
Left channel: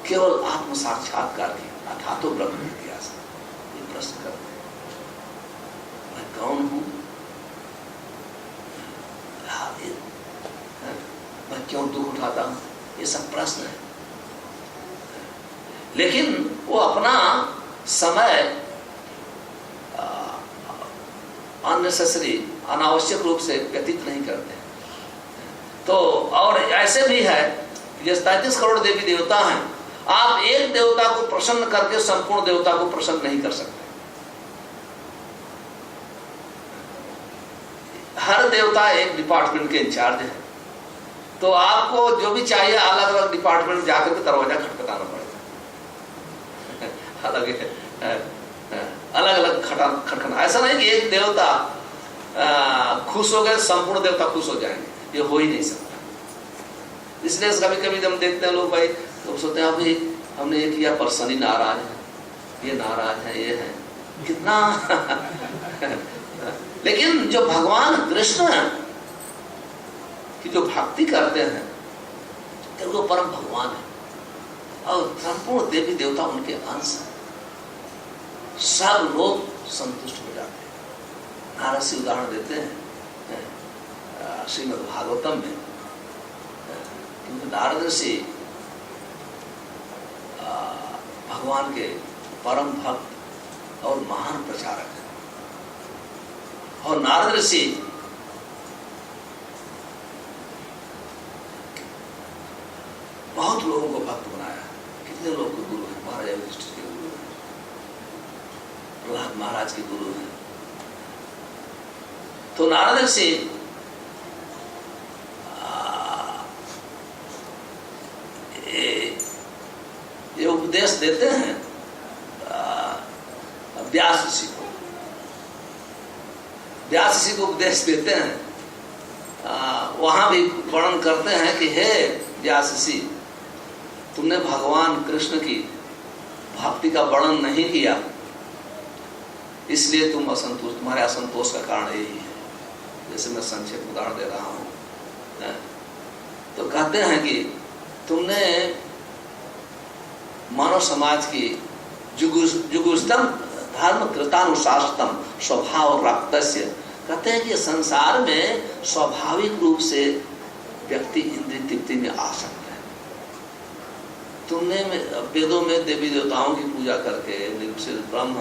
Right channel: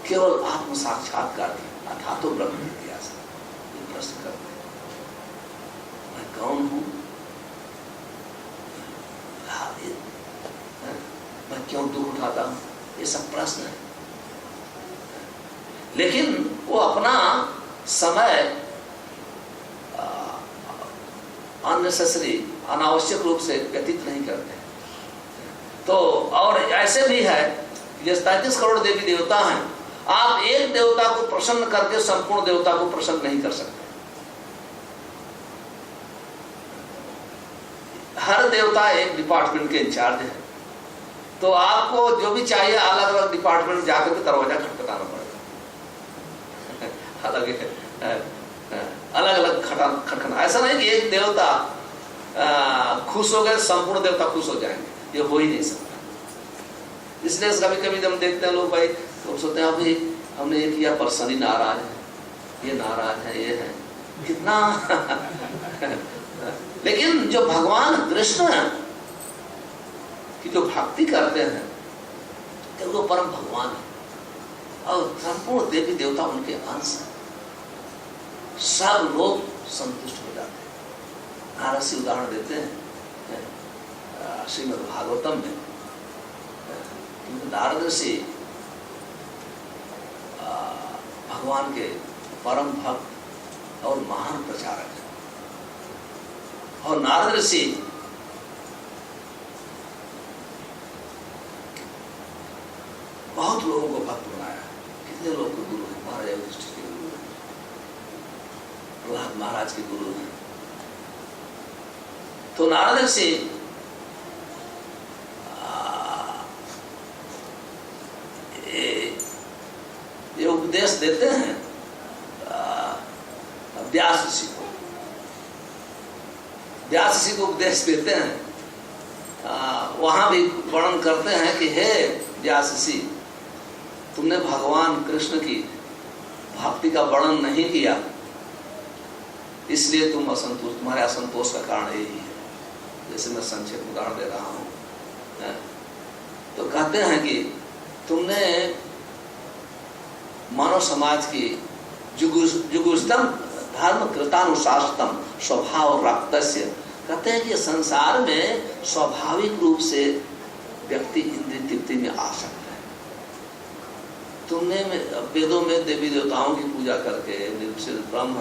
केवल आत्म साक्षात्कार की अथातो ब्रह्म जिज्ञासा ये प्रश्न करते हैं। कौन हूं, मैं क्यों दुख उठाता हूं, ये सब प्रश्न है। लेकिन वो अपना समय अननेसेसरी, अनावश्यक रूप से व्यतीत नहीं करते। तो और ऐसे भी है, ये 33 करोड़ देवी देवता हैं, आप एक देवता को प्रसन्न करके संपूर्ण देवता को प्रसन्न नहीं कर सकते। हर देवता एक डिपार्टमेंट के इंचार्ज है, तो आपको जो भी चाहिए अलग अलग डिपार्टमेंट जाकर के दरवाजा खटखटाना पड़ेगा। अलग अलग खटखटा, ऐसा नहीं कि एक देवता खुश हो गए संपूर्ण देवता खुश हो जाएंगे, ये हो ही नहीं सकता। इसलिए कभी कभी जब देखते हैं लोग, भाई तो सोचते हैं अभी हमने ये किया पर शनि नाराज है, ये नाराज है, ये है कितना। लेकिन जो भगवान कृष्ण की जो भक्ति करते हैं तो वो परम भगवान है और संपूर्ण देवी देवता उनके अंश हैं, सब लोग संतुष्ट हो जाते हैं। नारद जी उदाहरण देते हैं श्रीमद् भागवतम में, क्योंकि नारद ऋषि भगवान के परम भक्त और महान प्रचारक हैं, और नारद ऋषि बहुत लोगों को भक्त बनाया। कितने लोग के गुरु हैं, महाराज युधिष्ठिर के गुरु हैं, प्रहलाद महाराज के गुरु हैं। तो नारद ऋषि ये उपदेश देते हैं व्यास ऋषि को। व्यास ऋषि को उपदेश देते हैं, वहां भी वर्णन करते हैं कि हे व्यास ऋषि, तुमने भगवान कृष्ण की भक्ति का वर्णन नहीं किया, इसलिए तुम असंतोष, तुम्हारे असंतोष का कारण यही है। जैसे मैं संक्षेप में उदाहरण दे रहा हूं, तो कहते हैं कि तुमने मानव समाज की जुगुष्टम धर्म कृतानुशासनम स्वभाव रक्तस्य, कहते हैं कि संसार में स्वाभाविक रूप से व्यक्ति इंद्रिय तृप्ति में आ सकता है। तुमने वेदों में देवी देवताओं की पूजा करके, निर्विशेष ब्रह्म